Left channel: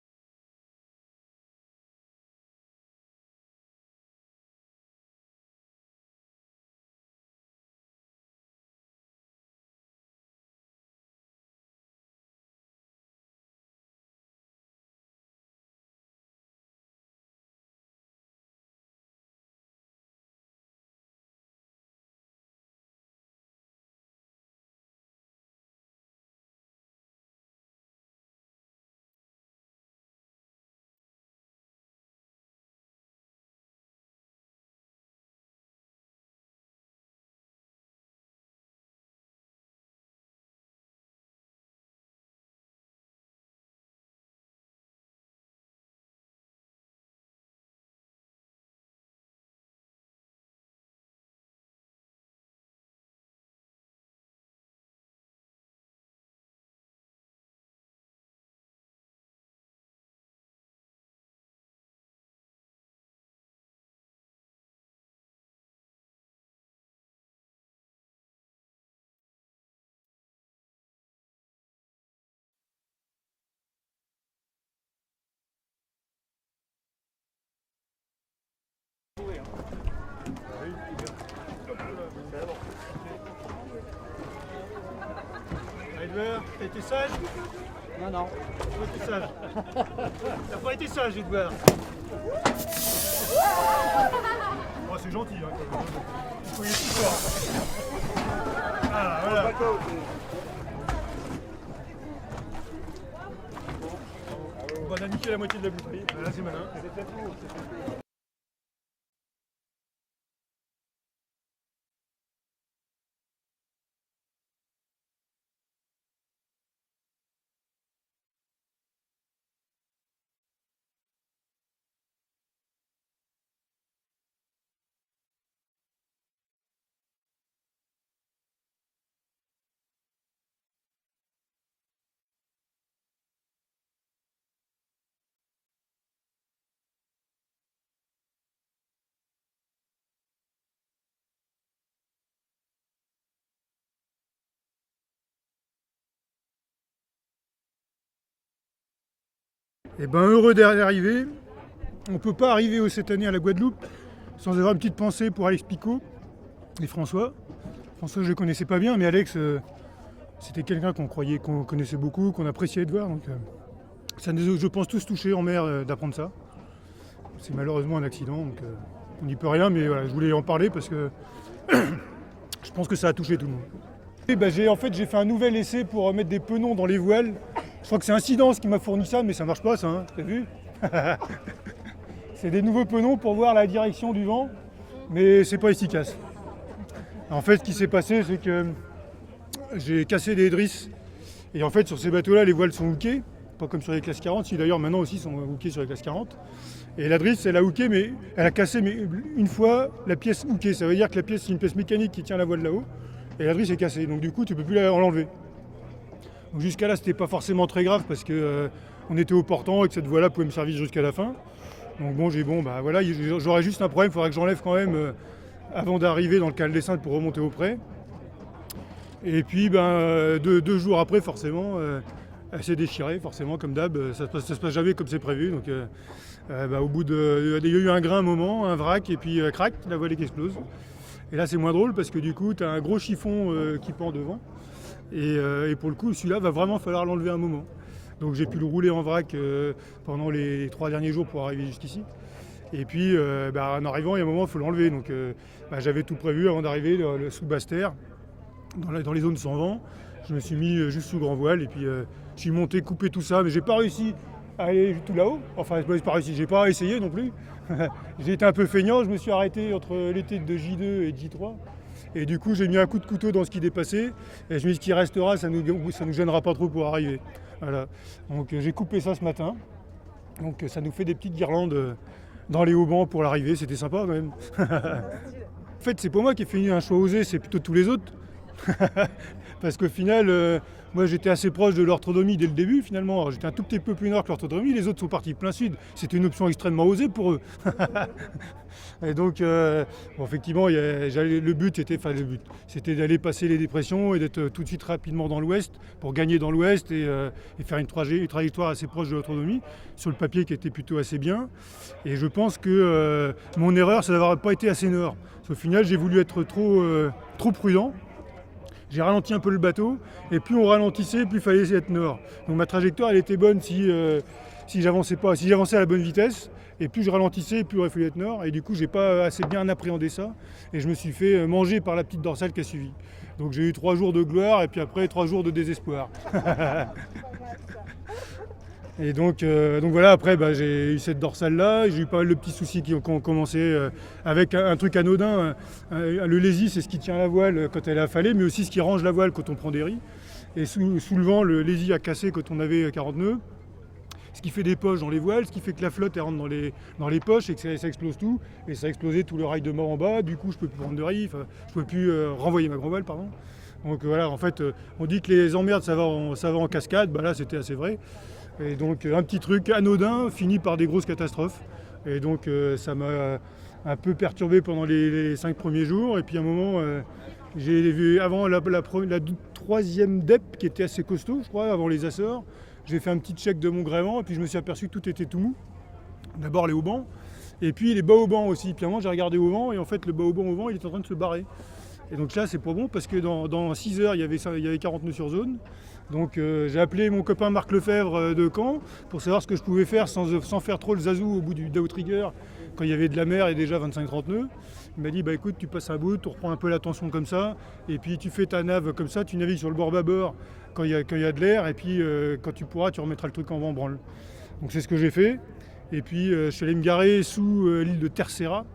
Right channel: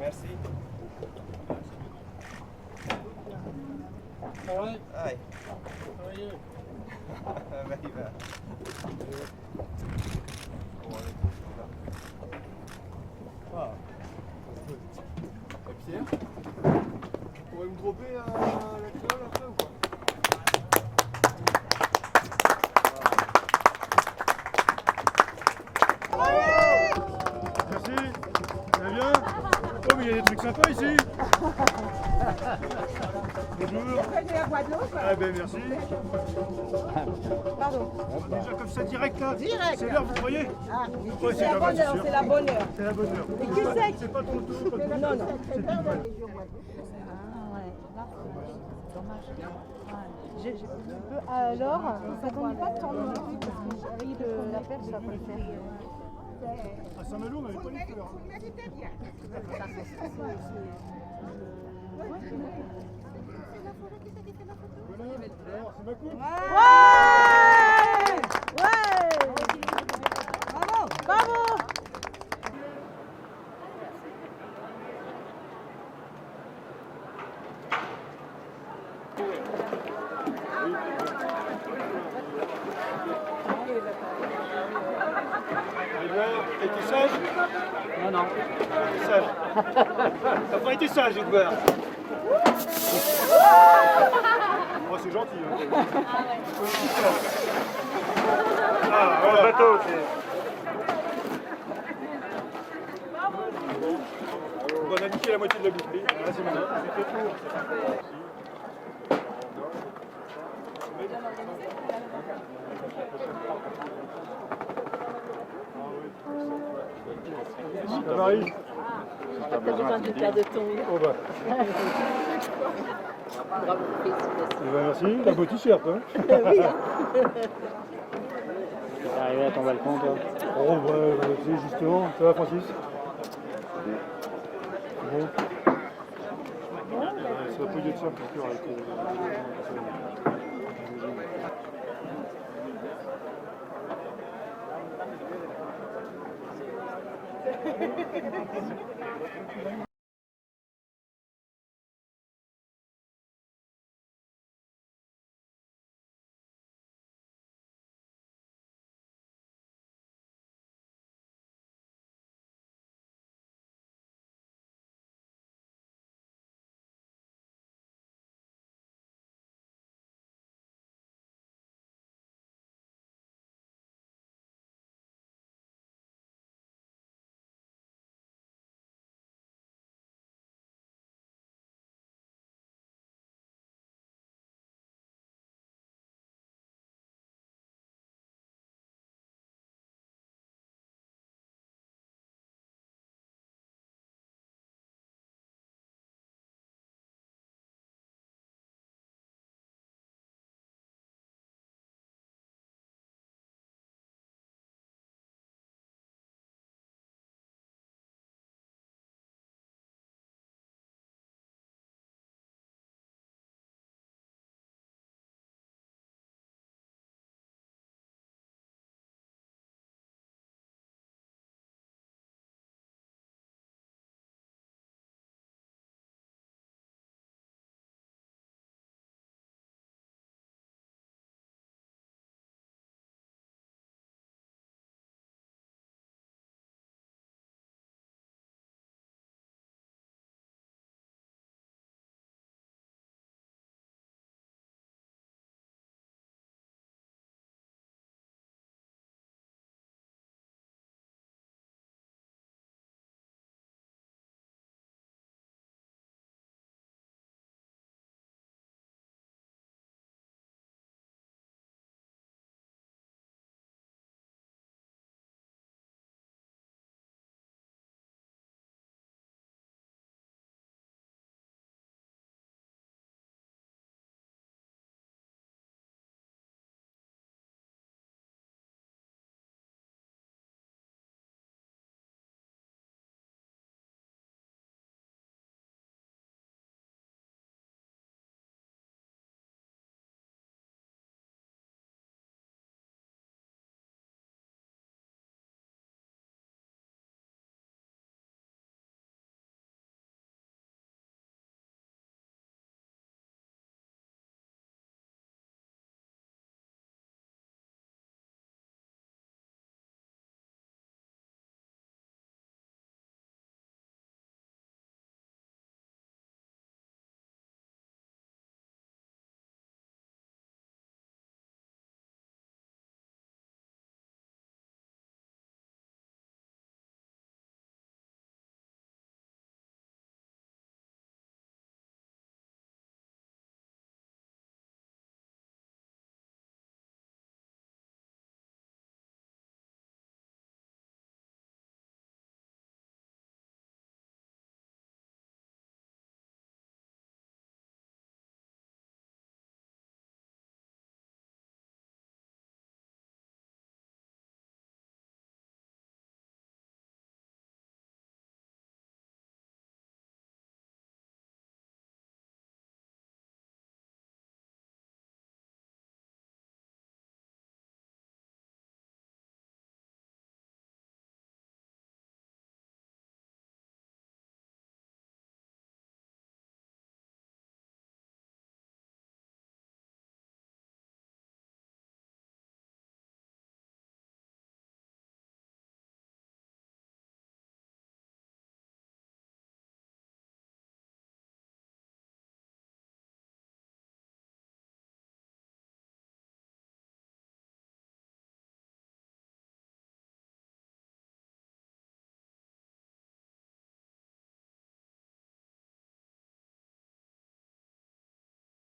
Merci. Alright. Hi. How are you? Very well. Ah. Et Pierre, vous pourrez me dropper la clé après ou quoi? Merci, ça va bien? Oh mais il y a des trucs sympas ici. Bonjour. De la Guadeloupe. Ah ben merci. Pardon. Déjà comme ça direct là. Direct. C'est l'heure, vous croyez? Ah, Ouais, c'est la pas bonne mal, heure, sûr. c'est la bonne heure. C'est la bonne heure. Et qui c'est? C'est pas ton tour. Pas ton tour. Non, non. C'est pile poil. Alors, ça donne pas tant non plus parce que j'arrive de la perche, ça va pas le faire. À Saint-Malo, on n'avait pas les fleurs. Alors, c'est ma coupe. Ouais! Ouais! Bravo! Bravo! Edouard, t'as été sage? Non, non. T'as été sage. T'as pas été sage, Edouard. Oh, c'est gentil. Hein. Ah, voilà. Bateau, on va niquer la moitié de la bouteille. Ah, c'est malin. Ça varie. T'as besoin de faire de ton. Oh bah. Bravo, félicitations. Eh ben, merci, la beau t-shirt. Hein. Oui, hein. T'es arrivé à ton balcon, toi? Oh bah, c'est justement, ça va Francis? Bon. Ça va pas de ça pour sûr avec Eh ben heureux d'arriver. On ne peut pas arriver cette année à la Guadeloupe sans avoir une petite pensée pour Alex Picot et François. François je ne connaissais pas bien, mais Alex c'était quelqu'un qu'on connaissait beaucoup, qu'on appréciait de voir. Donc, ça nous a, je pense, tous touchés en mer d'apprendre ça. C'est malheureusement un accident, donc on n'y peut rien, mais voilà, je voulais en parler parce que je pense que ça a touché tout le monde. Et ben, j'ai fait un nouvel essai pour mettre des penons dans les voiles. Je crois que c'est Incidence qui m'a fourni ça, mais ça marche pas ça, hein, t'as vu? C'est des nouveaux penons pour voir la direction du vent, mais c'est pas efficace. En fait, ce qui s'est passé, c'est que j'ai cassé des drisses. Et en fait, sur ces bateaux-là, les voiles sont hookées, pas comme sur les classes 40, si d'ailleurs maintenant aussi sont hookées sur les classes 40. Et la drisse, elle a hooké, mais elle a cassé mais une fois la pièce hookée. Ça veut dire que la pièce, c'est une pièce mécanique qui tient la voile là-haut, et la drisse est cassée. Donc du coup, tu peux plus l'enlever. Donc jusqu'à là, c'était pas forcément très grave parce que on était au portant et que cette voile-là pouvait me servir jusqu'à la fin. Donc bon, voilà, j'aurais juste un problème, il faudrait que j'enlève quand même avant d'arriver dans le canal des Saintes pour remonter au pré. Et puis deux jours après, forcément, elle s'est déchirée, forcément, comme d'hab, ça se passe jamais comme c'est prévu. Donc au bout il y a eu un grain un moment, un vrac, et puis crac, la voile qui explose. Et là c'est moins drôle parce que du coup tu as un gros chiffon qui pend devant. Et pour le coup, celui-là va vraiment falloir l'enlever un moment. Donc j'ai pu le rouler en vrac pendant les 3 derniers jours pour arriver jusqu'ici. Et puis en arrivant, il y a un moment, il faut l'enlever. Donc j'avais tout prévu avant d'arriver sous Basse-Terre, dans les zones sans vent. Je me suis mis juste sous grand voile et puis je suis monté, coupé tout ça, mais j'ai pas réussi à aller tout là-haut. Enfin, j'ai pas réussi, j'ai pas essayé non plus. J'ai été un peu feignant, je me suis arrêté entre l'été de J2 et de J3. Et du coup, j'ai mis un coup de couteau dans ce qui dépassait. Et je me dis qu'il restera, ça nous gênera pas trop pour arriver. Voilà. Donc j'ai coupé ça ce matin. Donc ça nous fait des petites guirlandes dans les haubans pour l'arrivée. C'était sympa quand même. En fait, c'est pas moi qui ai fait un choix osé, c'est plutôt tous les autres. parce qu'au final, moi j'étais assez proche de l'orthodomie dès le début finalement. Alors, j'étais un tout petit peu plus nord que l'orthodomie, les autres sont partis plein sud. C'était une option extrêmement osée pour eux. Et donc, bon, effectivement, le but, c'était d'aller passer les dépressions et d'être tout de suite rapidement dans l'ouest pour gagner dans l'ouest et faire une trajectoire assez proche de l'autonomie, sur le papier qui était plutôt assez bien. Et je pense que mon erreur, c'est d'avoir pas été assez nord. Parce qu'au final, j'ai voulu être trop prudent. J'ai ralenti un peu le bateau, et plus on ralentissait, plus il fallait être nord. Donc ma trajectoire, elle était bonne si j'avançais à la bonne vitesse. Et plus je ralentissais, plus il aurait fallu être nord. Et du coup, j'ai pas assez bien appréhendé ça. Et je me suis fait manger par la petite dorsale qui a suivi. Donc j'ai eu 3 jours de gloire et puis après 3 jours de désespoir. Et donc voilà, après j'ai eu cette dorsale-là. J'ai eu pas mal de petits soucis qui ont commencé avec un truc anodin. Le lazy, c'est ce qui tient la voile quand elle est affalée, mais aussi ce qui range la voile quand on prend des riz. Et sous le vent, le lazy a cassé quand on avait 40 nœuds. Ce qui fait des poches dans les voiles, ce qui fait que la flotte elle rentre dans les poches et que ça explose tout. Et ça a explosé tout le rail de mort en bas, du coup je ne peux plus prendre de riz, je ne peux plus renvoyer ma grand voile, pardon. Donc voilà, en fait, on dit que les emmerdes ça va en cascade, bah là c'était assez vrai. Et donc un petit truc anodin finit par des grosses catastrophes. Et donc ça m'a un peu perturbé pendant les 5 premiers jours. Et puis à un moment, j'ai vu avant la 3e DEP qui était assez costaud, je crois, avant les Açores. J'ai fait un petit check de mon gréement et puis je me suis aperçu que tout était tout mou. D'abord les haubans et puis les bas haubans aussi. Puis à un moment j'ai regardé au vent et en fait le bas hauban au vent il est en train de se barrer. Et donc là c'est pas bon parce que dans 6 heures il y avait 40 nœuds sur zone. Donc j'ai appelé mon copain Marc Lefebvre de Caen pour savoir ce que je pouvais faire sans faire trop le zazou au bout du outrigger quand il y avait de la mer et déjà 25-30 nœuds. Il m'a dit bah écoute tu passes un bout, tu reprends un peu la tension comme ça et puis tu fais ta nave comme ça, tu navigues sur le bord bâbord quand il y a de l'air et puis quand tu pourras tu remettras le truc en vent branle. Donc c'est ce que j'ai fait et puis je suis allé me garer sous l'île de Terceira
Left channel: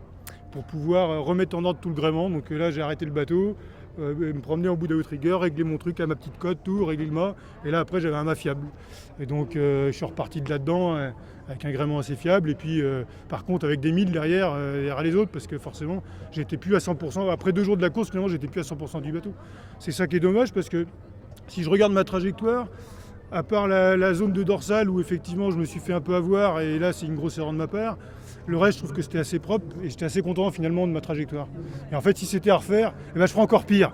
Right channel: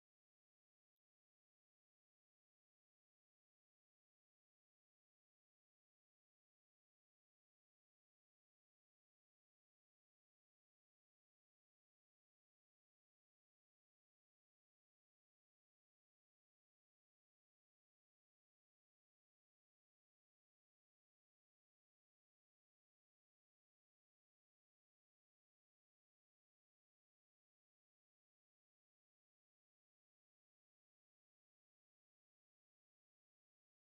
pour pouvoir remettre en ordre tout le gréement. Donc là j'ai arrêté le bateau, me promener en bout d'outrigger, régler mon truc à ma petite cote, tout, régler le mât et là après j'avais un mât fiable. Et donc je suis reparti de là-dedans avec un gréement assez fiable et puis par contre avec des milles derrière les autres parce que forcément j'étais plus à 100%, après 2 jours de la course finalement j'étais plus à 100% du bateau. C'est ça qui est dommage parce que si je regarde ma trajectoire, à part la zone de dorsale où effectivement je me suis fait un peu avoir et là c'est une grosse erreur de ma part, le reste je trouve que c'était assez propre et j'étais assez content finalement de ma trajectoire. Et en fait si c'était à refaire, je ferais encore pire.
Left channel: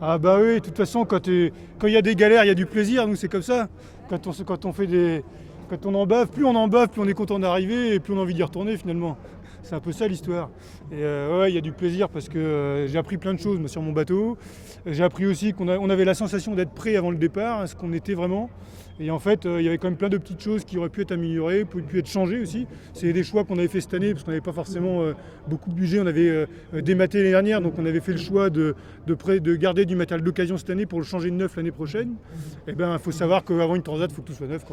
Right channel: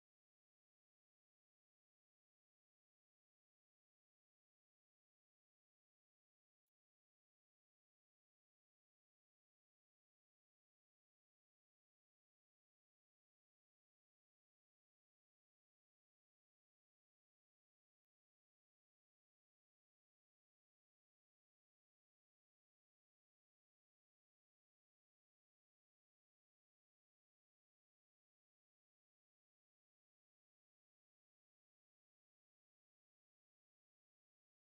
Ah bah oui, de toute façon quand il y a des galères, il y a du plaisir, nous c'est comme ça. Quand on en bave, plus on est content d'arriver et plus on a envie d'y retourner finalement. C'est un peu ça l'histoire. Et ouais, il y a du plaisir parce que j'ai appris plein de choses sur mon bateau. J'ai appris aussi qu'on avait la sensation d'être prêt avant le départ, ce qu'on était vraiment. Et en fait, il y avait quand même plein de petites choses qui auraient pu être améliorées, pu être changées aussi. C'est des choix qu'on avait fait cette année parce qu'on n'avait pas forcément beaucoup de budget. On avait dématé l'année dernière, donc on avait fait le choix de garder du matériel d'occasion cette année pour le changer de neuf l'année prochaine. Et ben, il faut savoir qu'avant une transat, il faut que tout soit neuf.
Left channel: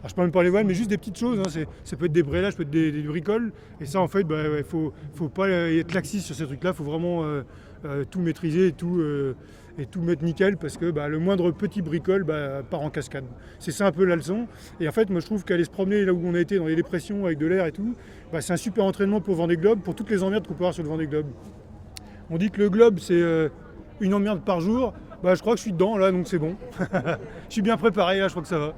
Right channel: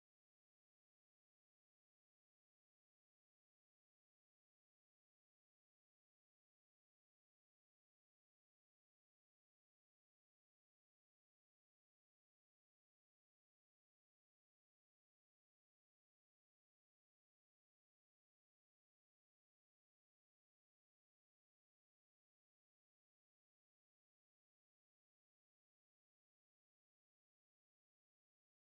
Alors, je ne parle même pas les voiles, mais juste des petites choses. Hein. Ça peut être des brélages, ça peut être des bricoles. Et ça, en fait, il faut pas être laxiste sur ces trucs-là. Il faut vraiment tout maîtriser et tout mettre nickel parce que le moindre petit bricole part en cascade. C'est ça un peu la leçon. Et en fait, moi, je trouve qu'aller se promener là où on a été, dans les dépressions, avec de l'air et tout, c'est un super entraînement pour le Vendée Globe, pour toutes les emmerdes qu'on peut avoir sur le Vendée Globe. On dit que le globe, c'est une emmerde par jour. Je crois que je suis dedans, là, donc c'est bon. Je suis bien préparé, là, je crois que ça va.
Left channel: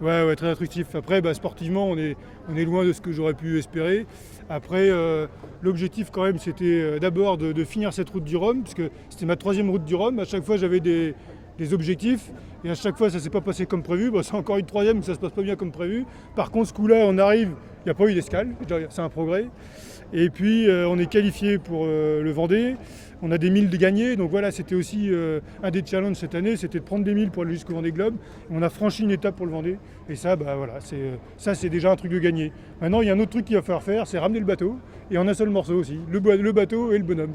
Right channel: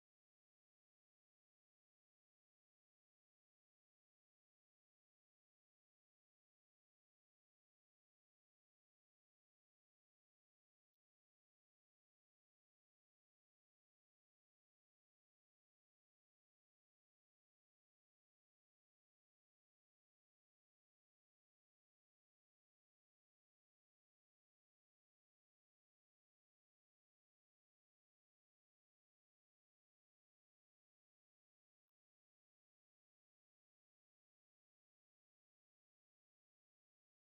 Ouais, très instructif. Après, sportivement, on est loin de ce que j'aurais pu espérer. Après, l'objectif quand même, c'était d'abord de finir cette route du Rhum, puisque c'était ma 3e route du Rhum. À chaque fois, j'avais des objectifs, et à chaque fois, ça ne s'est pas passé comme prévu. C'est encore une 3e, mais ça ne se passe pas bien comme prévu. Par contre, ce coup-là, on arrive, il n'y a pas eu d'escale, c'est un progrès. Et puis, on est qualifié pour le Vendée. On a des milles de gagner, donc voilà, c'était aussi un des challenges cette année, c'était de prendre des milles pour aller jusqu'au Vendée Globe. On a franchi une étape pour le Vendée, et ça, c'est déjà un truc de gagné. Maintenant, il y a un autre truc qu'il va falloir faire, c'est ramener le bateau, et en un seul morceau aussi, le bateau et le bonhomme.